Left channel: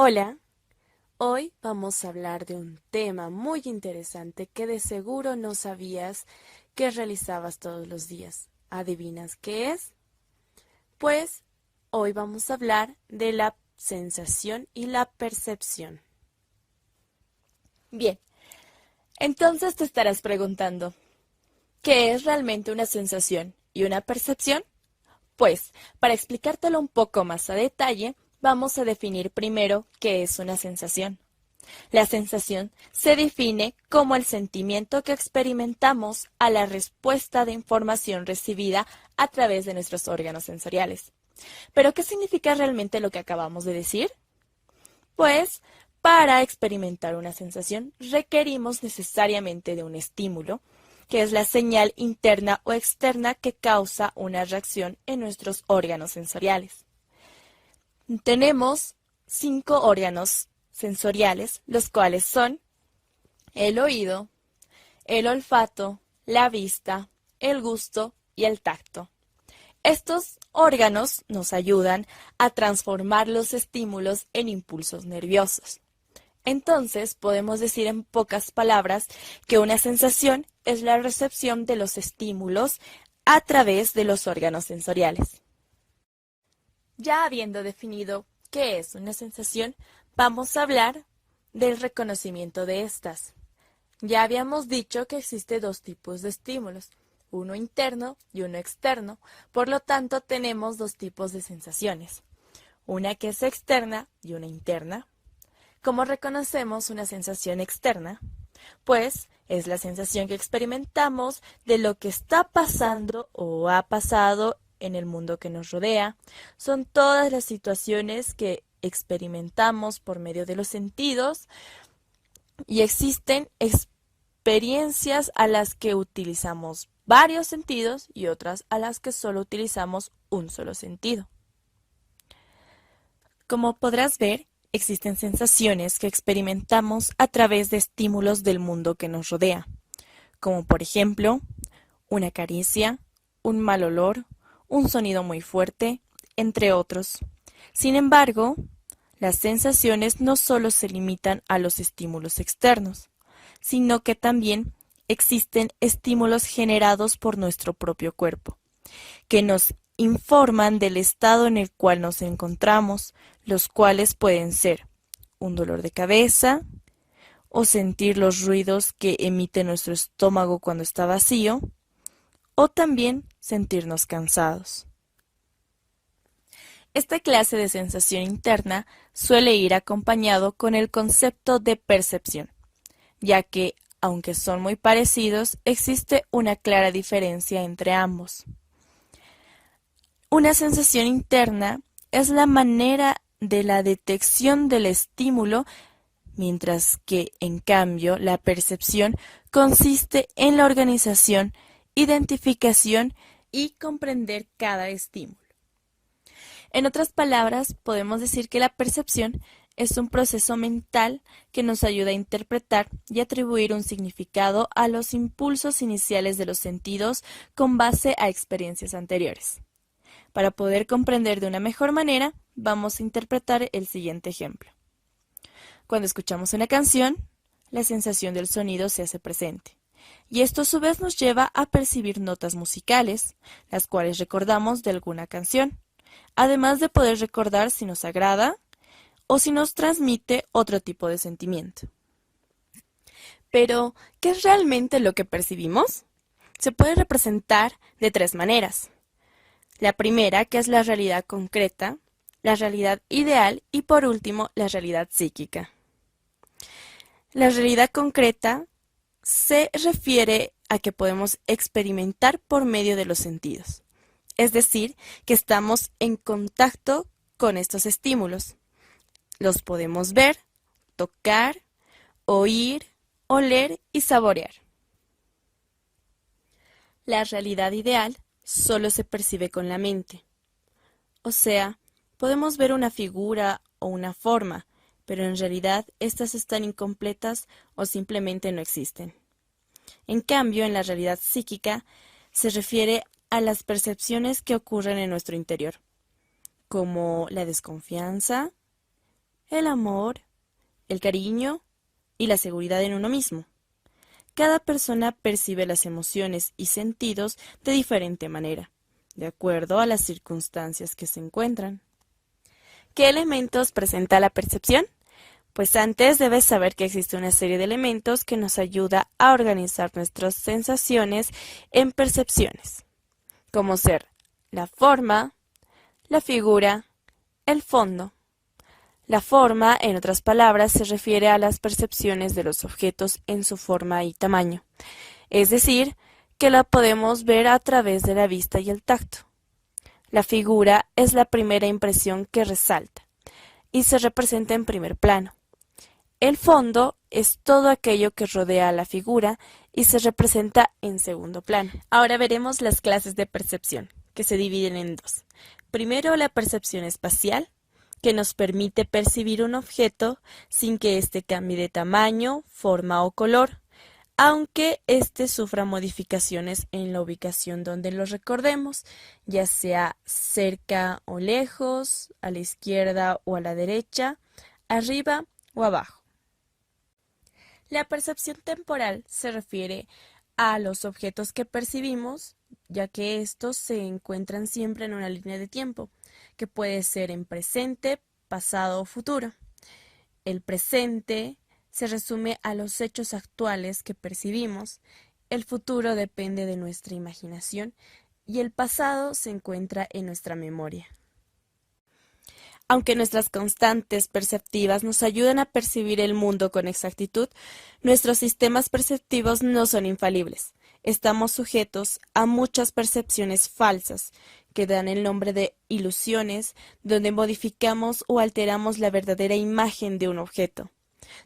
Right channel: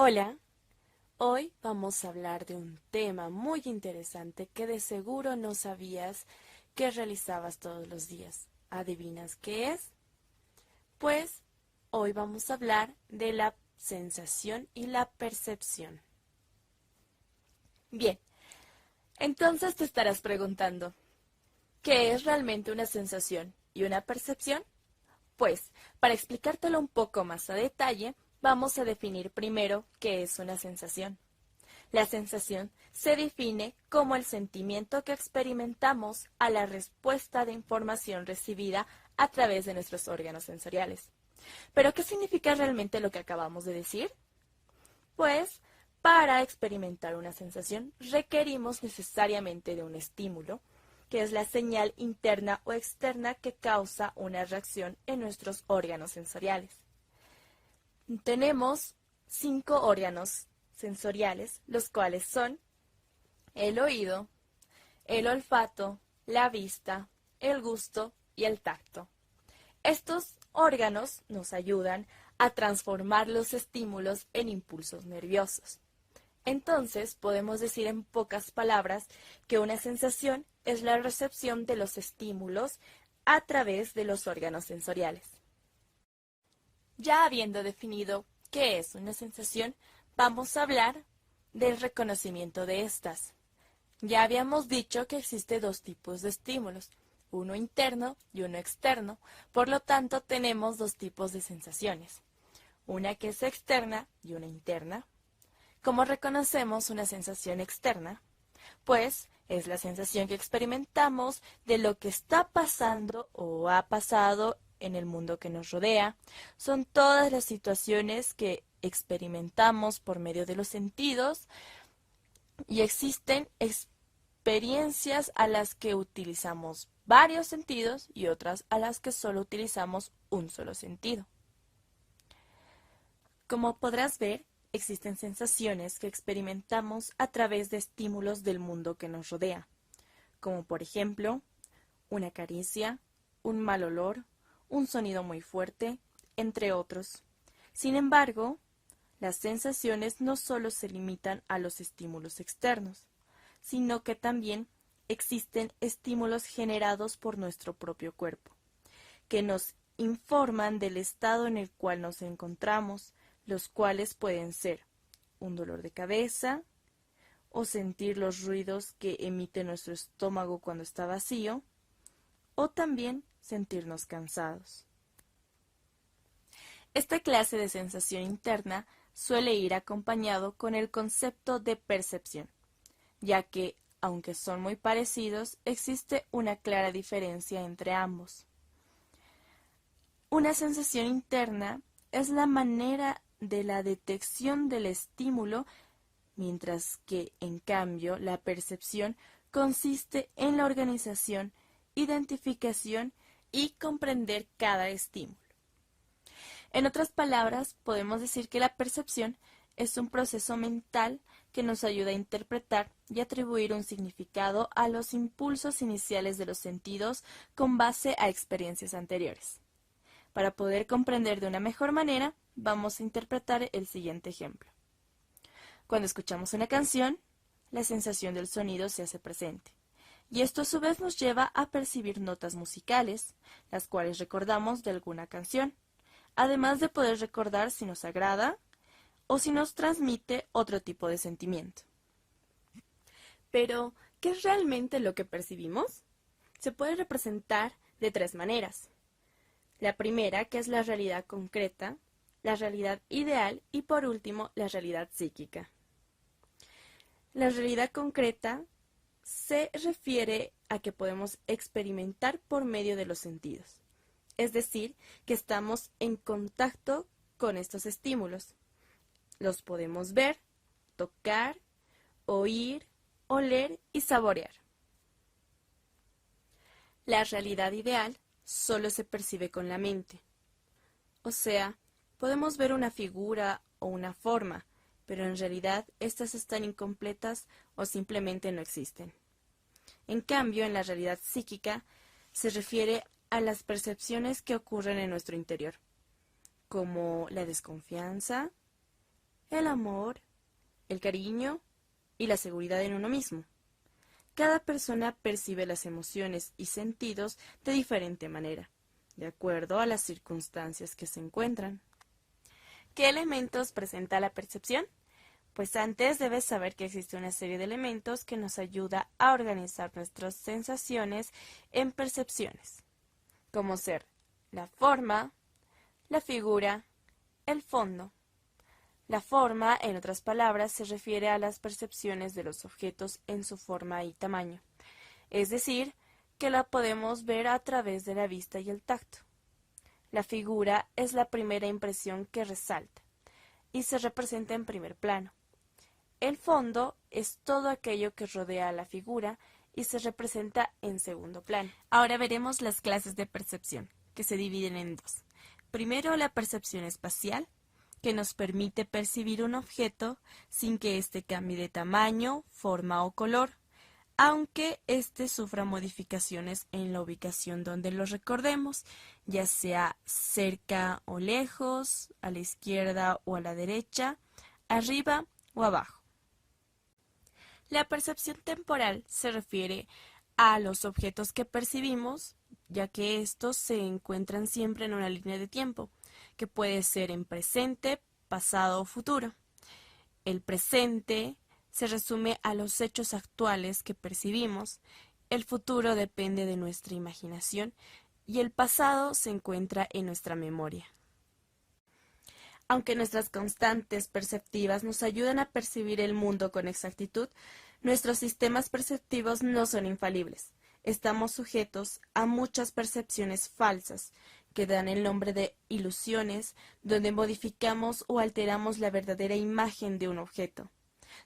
Hola, hoy vamos a hablar de un tema muy interesante que de seguro no sabías que realizabas todos los días. ¿Adivinas qué es? Pues hoy vamos a hablar de la sensación y la percepción. Bien, entonces te estarás preguntando, ¿qué es realmente una sensación y una percepción? Pues, para explicártelo un poco más a detalle, vamos a definir primero qué es una sensación. La sensación se define como el sentimiento que experimentamos a la respuesta de información recibida a través de nuestros órganos sensoriales. ¿Pero qué significa realmente lo que acabamos de decir? Pues, para experimentar una sensación requerimos necesariamente de un estímulo, que es la señal interna o externa que causa una reacción en nuestros órganos sensoriales. Tenemos 5 órganos sensoriales, los cuales son el oído, el olfato, la vista, el gusto y el tacto. Estos órganos nos ayudan a transformar los estímulos en impulsos nerviosos. Entonces, podemos decir en pocas palabras que una sensación es la recepción de los estímulos a través de los órganos sensoriales. Ya habiendo definido qué es una sensación, vamos a hablar del reconocimiento de estas. Ya habíamos dicho que existe dos tipos de estímulos, uno interno y uno externo, por lo tanto tenemos dos tipos de sensaciones, una que es externa y una interna. ¿Cómo reconocemos una sensación externa? Pues es la sensación que experimentamos de lo que está pasando o ha pasado en el mundo que nos rodea. Son todas las situaciones que experimentamos por medio de los sentidos y existen experiencias a las que utilizamos varios sentidos y otras a las que solo utilizamos un solo sentido. Como podrás ver, existen sensaciones que experimentamos a través de estímulos del mundo que nos rodea, como por ejemplo, una caricia, un mal olor, un sonido muy fuerte, entre otros. Sin embargo, las sensaciones no solo se limitan a los estímulos externos, sino que también existen estímulos generados por nuestro propio cuerpo, que nos informan del estado en el cual nos encontramos, los cuales pueden ser un dolor de cabeza o sentir los ruidos que emite nuestro estómago cuando está vacío, o también sentirnos cansados. Esta clase de sensación interna suele ir acompañado con el concepto de percepción, ya que, aunque son muy parecidos, existe una clara diferencia entre ambos. Una sensación interna es la manera de la detección del estímulo, mientras que, en cambio, la percepción consiste en la organización, identificación y comprender cada estímulo. En otras palabras, podemos decir que la percepción es un proceso mental que nos ayuda a interpretar y atribuir un significado a los impulsos iniciales de los sentidos con base a experiencias anteriores. Para poder comprender de una mejor manera, vamos a interpretar el siguiente ejemplo. Cuando escuchamos una canción, la sensación del sonido se hace presente, y esto a su vez nos lleva a percibir notas musicales, las cuales recordamos de alguna canción, además de poder recordar si nos agrada o si nos transmite otro tipo de sentimiento. Pero, ¿qué es realmente lo que percibimos? Se puede representar de tres maneras. La primera, que es la realidad concreta, la realidad ideal y por último, la realidad psíquica. La realidad concreta se refiere a que podemos experimentar por medio de los sentidos, es decir, que estamos en contacto con estos estímulos. Los podemos ver, tocar, oír, oler y saborear. La realidad ideal solo se percibe con la mente. O sea, podemos ver una figura o una forma, pero en realidad estas están incompletas o simplemente no existen. En cambio, en la realidad psíquica se refiere a las percepciones que ocurren en nuestro interior, como la desconfianza, el amor, el cariño y la seguridad en uno mismo. Cada persona percibe las emociones y sentidos de diferente manera, de acuerdo a las circunstancias que se encuentran. ¿Qué elementos presenta la percepción? Pues antes debes saber que existe una serie de elementos que nos ayuda a organizar nuestras sensaciones en percepciones, como ser la forma, la figura, el fondo. La forma, en otras palabras, se refiere a las percepciones de los objetos en su forma y tamaño, es decir, que la podemos ver a través de la vista y el tacto. La figura es la primera impresión que resalta y se representa en primer plano. El fondo es todo aquello que rodea a la figura y se representa en segundo plano. Ahora veremos las clases de percepción, que se dividen en dos. Primero, la percepción espacial, que nos permite percibir un objeto sin que éste cambie de tamaño, forma o color, aunque éste sufra modificaciones en la ubicación donde lo recordemos, ya sea cerca o lejos, a la izquierda o a la derecha, arriba o abajo. La percepción temporal se refiere a los objetos que percibimos, ya que estos se encuentran siempre en una línea de tiempo, que puede ser en presente, pasado o futuro. El presente se resume a los hechos actuales que percibimos, el futuro depende de nuestra imaginación y el pasado se encuentra en nuestra memoria. Aunque nuestras constantes perceptivas nos ayudan a percibir el mundo con exactitud, nuestros sistemas perceptivos no son infalibles. Estamos sujetos a muchas percepciones falsas, que dan el nombre de ilusiones, donde modificamos o alteramos la verdadera imagen de un objeto.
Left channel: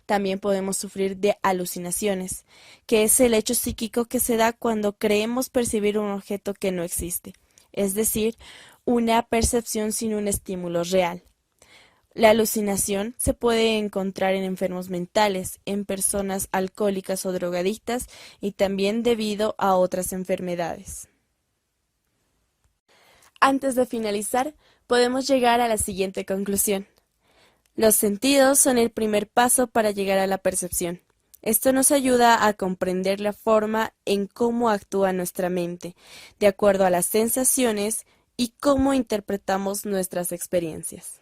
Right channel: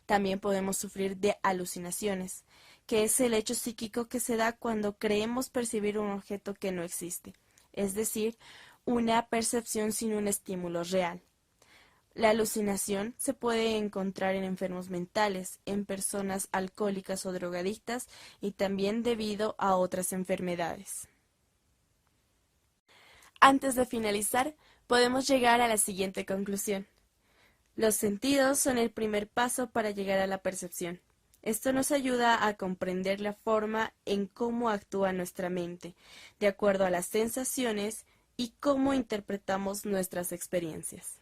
También podemos sufrir de alucinaciones, que es el hecho psíquico que se da cuando creemos percibir un objeto que no existe, es decir, una percepción sin un estímulo real. La alucinación se puede encontrar en enfermos mentales, en personas alcohólicas o drogadictas y también debido a otras enfermedades. Antes de finalizar, podemos llegar a la siguiente conclusión. Los sentidos son el primer paso para llegar a la percepción. Esto nos ayuda a comprender la forma en cómo actúa nuestra mente, de acuerdo a las sensaciones y cómo interpretamos nuestras experiencias.